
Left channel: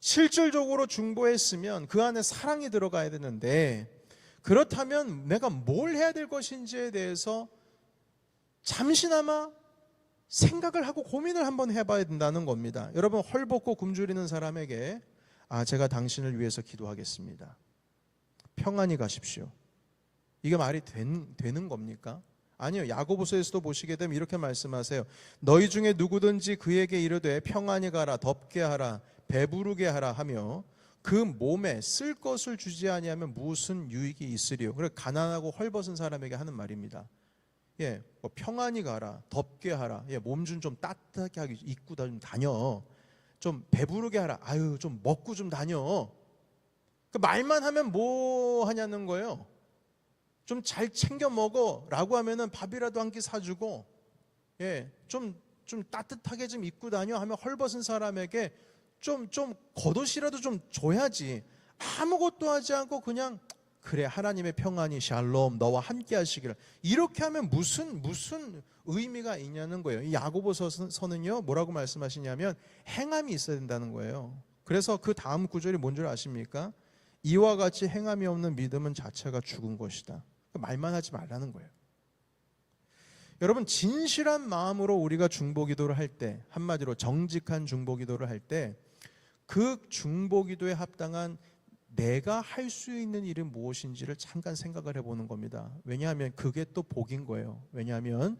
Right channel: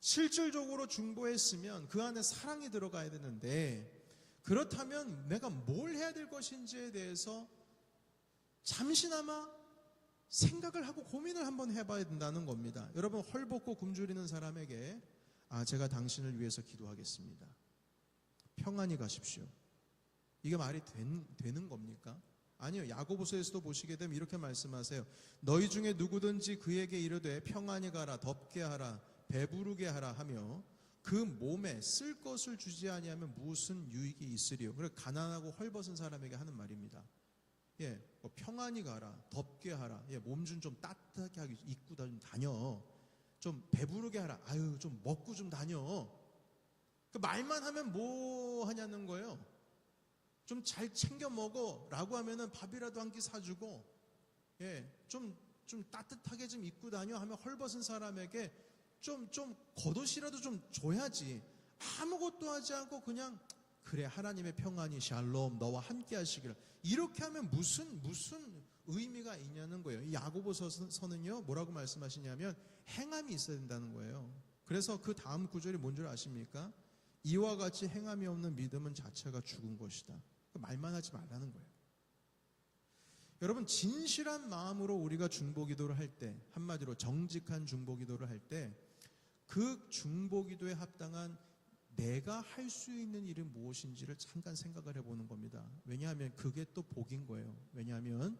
실질적으로 중보했으면 그 안에 사랑이 들어가야 되는데, 그렇다면 내가 뭘 해야 될 것인지에 대해서 잠시나마 생각을 하고 고민을 한번 해봐야 된다는 겁니다. 여러분 헐벗고 굶주리는 사람에게 제가 당신을 위해서 기도하겠습니다, 평안히 가십시오, 이게 말이 되는 겁니까? 아니요. 야고보서에서도 보시게 되면 이렇게 말씀하세요. 너희 중에 누구든지 그에게 이르되 평안히 가라, 덥게 하라, 배부르게 하라 하며 그 몸에 쓸 것을 주지 아니하면 무슨 유익이 있으리요. 그래 가난하고 헐벗은 사람에게 하는 말입니다. 뭐 평안히 가라, 덥게 하라, 몸 좀 따뜻하게 하게 입고 좀 다녀, 좀 배부르게 하라, 좀 먹고 좀 다녀. 그 말만 하면 뭐 하냐는 거예요. 좀 잘 챙겨 먹어 라고 하면은 밥이라도 한 끼 사주고, 좀 따뜻하게 좀 입고 다녀 하면 헐벗은 사람에게 좀 겉옷이라도 좀 줘야지. 아무것도 하지 않고 그냥 그래 하나님의 평안이 샬롬 너와 함께 하시기를, 이렇게 하면 무슨 의미가 있냐는 거예요. 이 야고보서는요 뭐라고 말씀하시냐면 행함이 있어야 된다는 거예요. 그래서 그 다음 구절이 뭔 줄 아십니까? 이와 같이 행함이 없는 믿음은 자체가 죽은 것이다. 말만 하지 말라는 거예요. 여러분 진실한 마음으로 우리가 중보기도를 할 때, 한마디로 정직한 중보기도를 할 때 그 중보기도에 합당한 내가 할 수 있는 일이 무엇인지를 잠깐 생각을 해보는 겁니다. 왜냐하면 그게 또 복인 거예요. 왜냐하면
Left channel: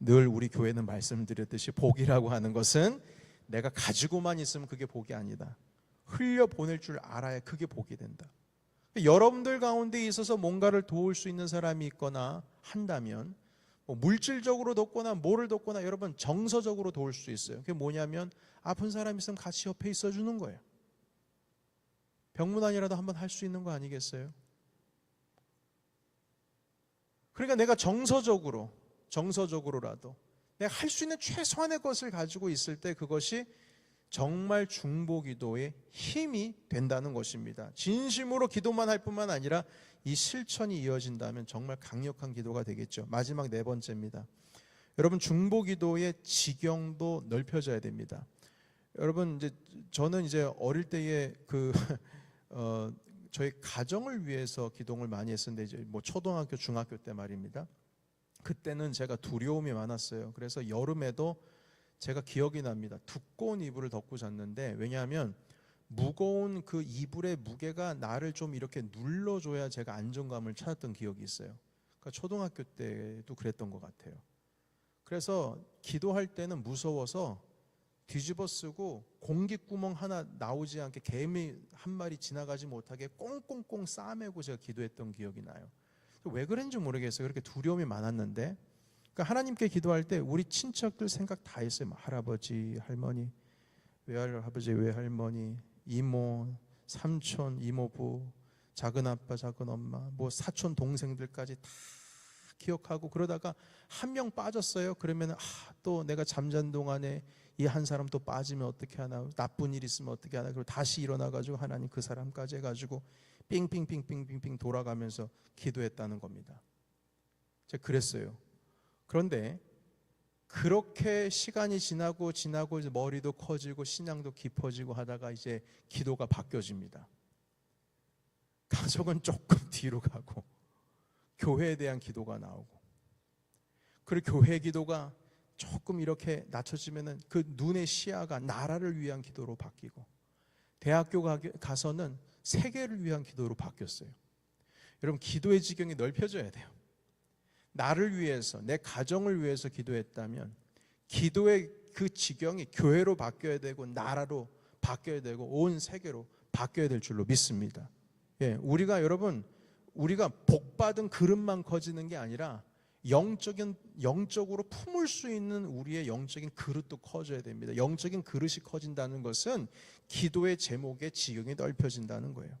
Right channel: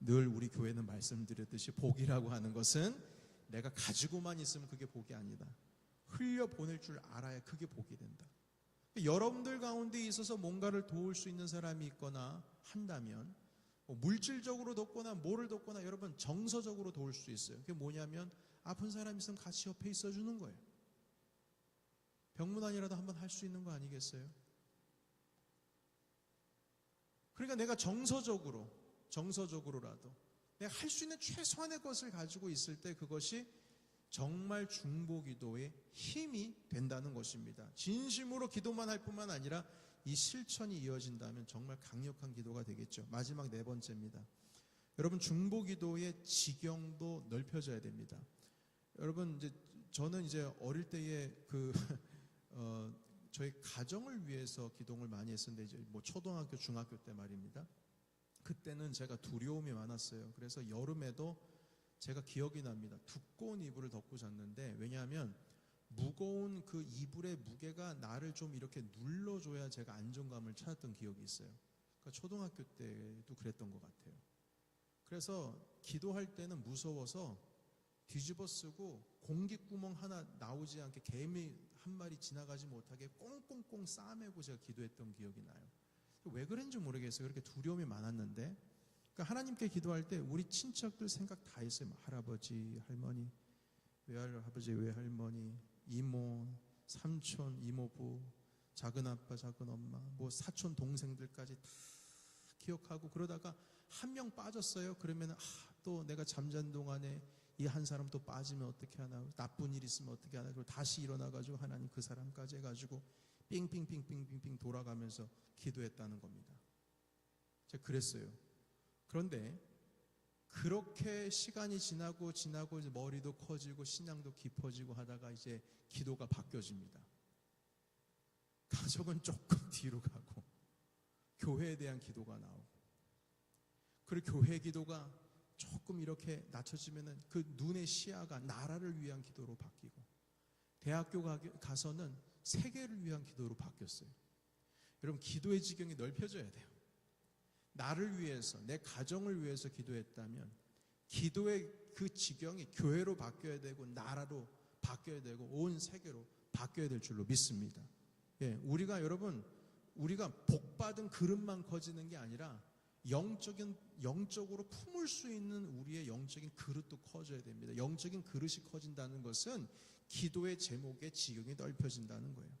늘 우리 교회는 말씀드렸듯이 복이라고 하는 것은 내가 가지고만 있으면 그게 복이 아니다. 흘려보낼 줄 알아야 그게 복이 된다. 여러분들 가운데 있어서 뭔가를 도울 수 있는 사람이 있거나 한다면 뭐 물질적으로 돕거나 뭐를 돕거나 여러분 정서적으로 도울 수 있어요. 그게 뭐냐면 아픈 사람이 있으면 같이 옆에 있어주는 거예요. 병문안이라도 한번 할 수 있는 거 아니겠어요? 그러니까 내가 정서적으로라도 내가 할 수 있는 최소한의 것을 가지고 있을 때 그것이 정말 중보기도의 힘이 된다는 것입니다. 진심으로 기도만 할 뿐만 아니라 이 실천이 이어진다면 정말 강력한 기도가 되겠죠. 마지막 네 번째입니다. 여러분 중보기도의 지경도 넓혀져야 됩니다. 여러분 저는 어릴 때에 저희 가정을 위해서 기도를 많이 했었는데 뭐 초등학교 중학교 때 말입니다. 그때는 제가 두려움이 많았어요. 그래서 여름에도 제가 기억이 납니다. 두꺼운 이불을 덮고 잤는데, 왜냐하면 무거운 그 이불의 무게가 나를 좀 이렇게 눌러줘야 제가 안정감을 찾았던 기억이 있어요. 그러니까 초등학교 때도 그랬던 것 같아요. 그래서 기도할 때는 무서워서 뒤집어 쓰고 공기구멍 하나 나오지 않게 개미 한 마리 지나가지 못하게 꽁꽁꽁 싸매고 제가 기도했던 기억이 나요. 왜 그런지 모르겠어요. 그렇게 두려움이 많았는데, 그러니까 하나님께 기도할 때 우리 친척들 생각 다 했어요. 할아버지, 할머니, 외할아버지, 외할머니, 이모, 삼촌, 이모부, 작은 아빠, 작은 엄마, 뭐 사촌 동생들까지 다 기억하고, 그러다가 한 명 빠졌어요. 그러면 또 내가 잠잔 동안에 이 한 사람 또 빠지면 어떻게 하나, 나쁜 일 있으면 어떻게 하나, 그리고 다시 일어나가지고 하나님 그 사람까지 해가지고 삥삥삥삥삥삥 돌아가면서 기도했다는 겁니다. 제가 그랬어요. 그런데 그렇게 시간이 지나고 이제 머리도 커지고 신앙도 깊어지고 하다가 이제 기도가 바뀌어집니다. 가족은 조금 뒤로 가고 교회에 대한 기도가 나오고, 그리고 교회 기도가 조금 이렇게 낮춰지면은 그 눈의 시야가 나라를 위한 기도로 바뀌고, 대학교 가서는 세계를 위한 기도로 바뀌었어요. 여러분 기도의 지경이 넓혀져야 돼요. 나를 위해서, 내 가정을 위해서 기도했다면 기도의 그 지경이 교회로 바뀌어야 되고 나라로 바뀌어야 되고 온 세계로 바뀌어야 될 줄로 믿습니다. 예, 우리가 복받은 그릇만 커지는 게 아니라 영적으로 품을 수 있는 우리의 영적인 그릇도 커져야 됩니다. 영적인 그릇이 커진다는 것은 기도의 제목의 지경이 넓혀진다는 거예요.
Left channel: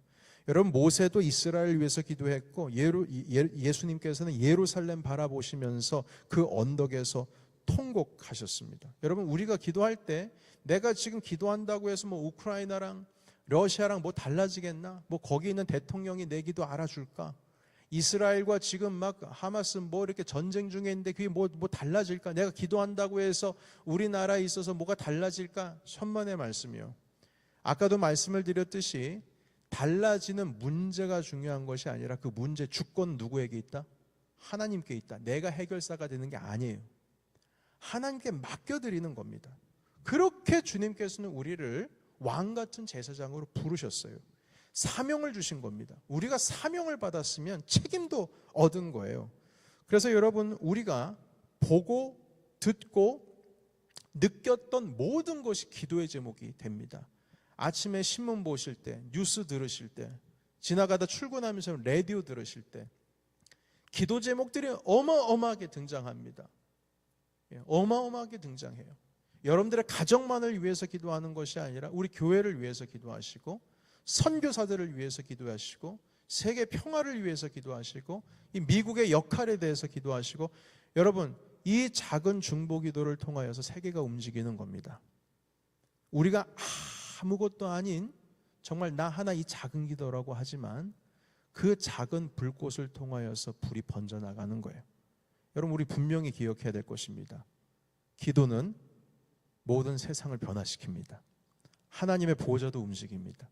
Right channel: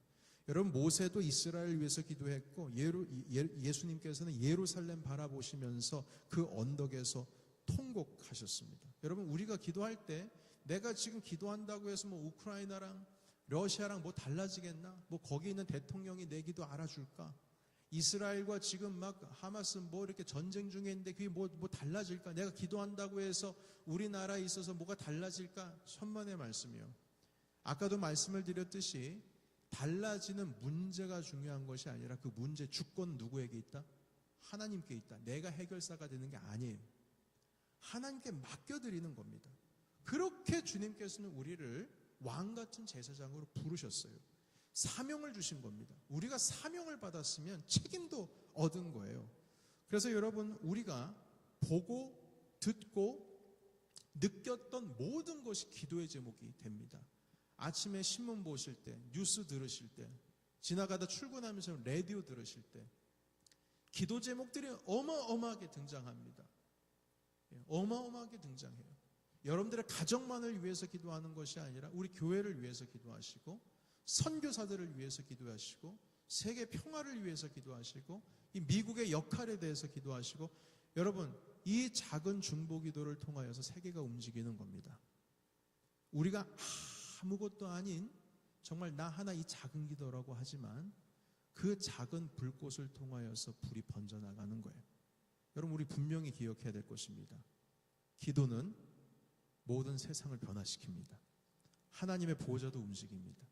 여러분, 모세도 이스라엘을 위해서 기도했고 예수님께서는 예루살렘 바라보시면서 그 언덕에서 통곡하셨습니다. 여러분, 우리가 기도할 때 내가 지금 기도한다고 해서 뭐 우크라이나랑 러시아랑 뭐 달라지겠나? 뭐 거기 있는 대통령이 내 기도 알아줄까? 이스라엘과 지금 막 하마스 뭐 이렇게 전쟁 중에 있는데 그게 뭐 달라질까? 내가 기도한다고 해서 우리나라에 있어서 뭐가 달라질까? 천만의 말씀이요. 아까도 말씀을 드렸듯이 달라지는 문제가 중요한 것이 아니라 그 문제 주권 누구에게 있다? 하나님께 있다. 내가 해결사가 되는 게 아니에요. 하나님께 맡겨드리는 겁니다. 그렇게 주님께서는 우리를 왕 같은 제사장으로 부르셨어요. 사명을 주신 겁니다. 우리가 사명을 받았으면 책임도 얻은 거예요. 그래서 여러분, 우리가 보고 듣고 느꼈던 모든 것이 기도의 제목이 됩니다. 아침에 신문 보실 때, 뉴스 들으실 때, 지나가다 출근하면서 라디오 들으실 때 기도 제목들이 어마어마하게 등장합니다. 어마어마하게 등장해요. 여러분들의 가정만을 위해서 기도하는 것이 아니라 우리 교회를 위해서 기도하시고, 선교사들을 위해서 기도하시고, 세계 평화를 위해서 기도하시고, 이 미국의 역할에 대해서 기도하시고, 여러분, 이 작은 중보 기도를 통하여서 세계가 움직이는 겁니다. 우리가 아무것도 아닌 정말 나 하나 이 작은 기도라고 하지만 그 작은 불꽃을 통하여서 불이 번져나가는 거예요. 여러분, 우리 분명히 기억해야 될 것입니다. 기도는 모든 세상을 변화시킵니다. 하나님의 보좌도 움직입니다.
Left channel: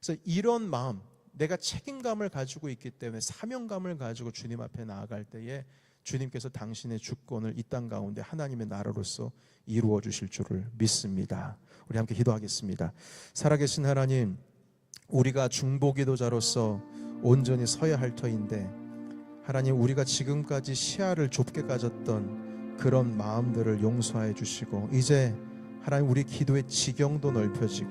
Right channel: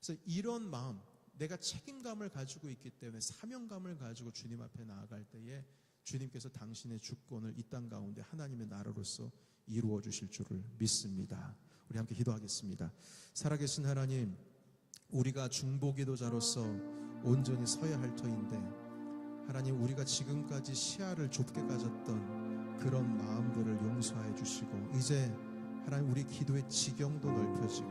그래서 이런 마음, 내가 책임감을 가지고 있기 때문에 사명감을 가지고 주님 앞에 나아갈 때에 주님께서 당신의 주권을 이 땅 가운데 하나님의 나라로서 이루어 주실 줄을 믿습니다. 우리 함께 기도하겠습니다. 살아계신 하나님, 우리가 중보기도자로서 온전히 서야 할 터인데, 하나님, 우리가 지금까지 시야를 좁게 가졌던 그런 마음들을 용서해 주시고, 이제 하나님, 우리 기도의 지경도 넓혀지고,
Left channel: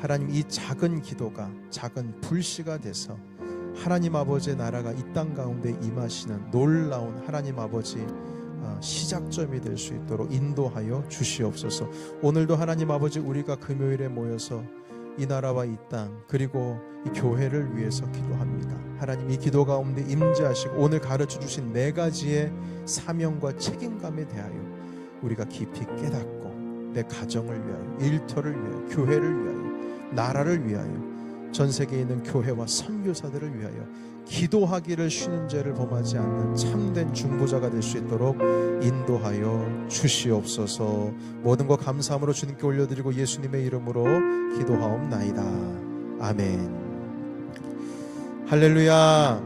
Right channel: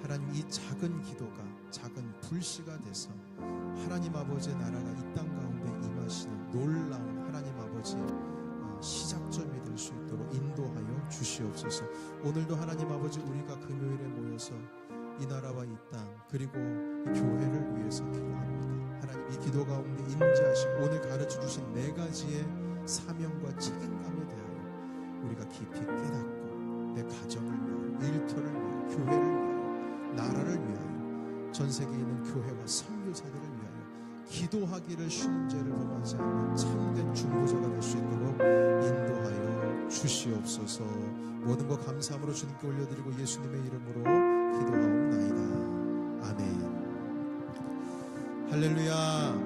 하나님, 이 작은 기도가 작은 불씨가 돼서 하나님 아버지의 나라가 이 땅 가운데 임하시는 놀라운 하나님 아버지 시작점이 될 수 있도록 인도하여 주시옵소서. 오늘도 하나님 아버지, 우리가 금요일에 모여서 이 나라와 이 땅, 그리고 이 교회를 위해서 기도합니다. 하나님, 이 기도 가운데 임재하시고 오늘 가르쳐 주신 4가지의 사명과 책임감에 대하여 우리가 깊이 깨닫고 내 가정을 위하여, 일터를 위하여, 교회를 위하여, 나라를 위하여, 전 세계에 있는 교회와 선교사들을 위하여 기도하기를 쉬는 죄를 범하지 않는 참된 중보자가 될 수 있도록 인도하여 주시옵소서. 모든 것 감사함으로 주님께 올려드리고 예수님의 이름으로 기도하옵나이다. 아멘. 할렐루야.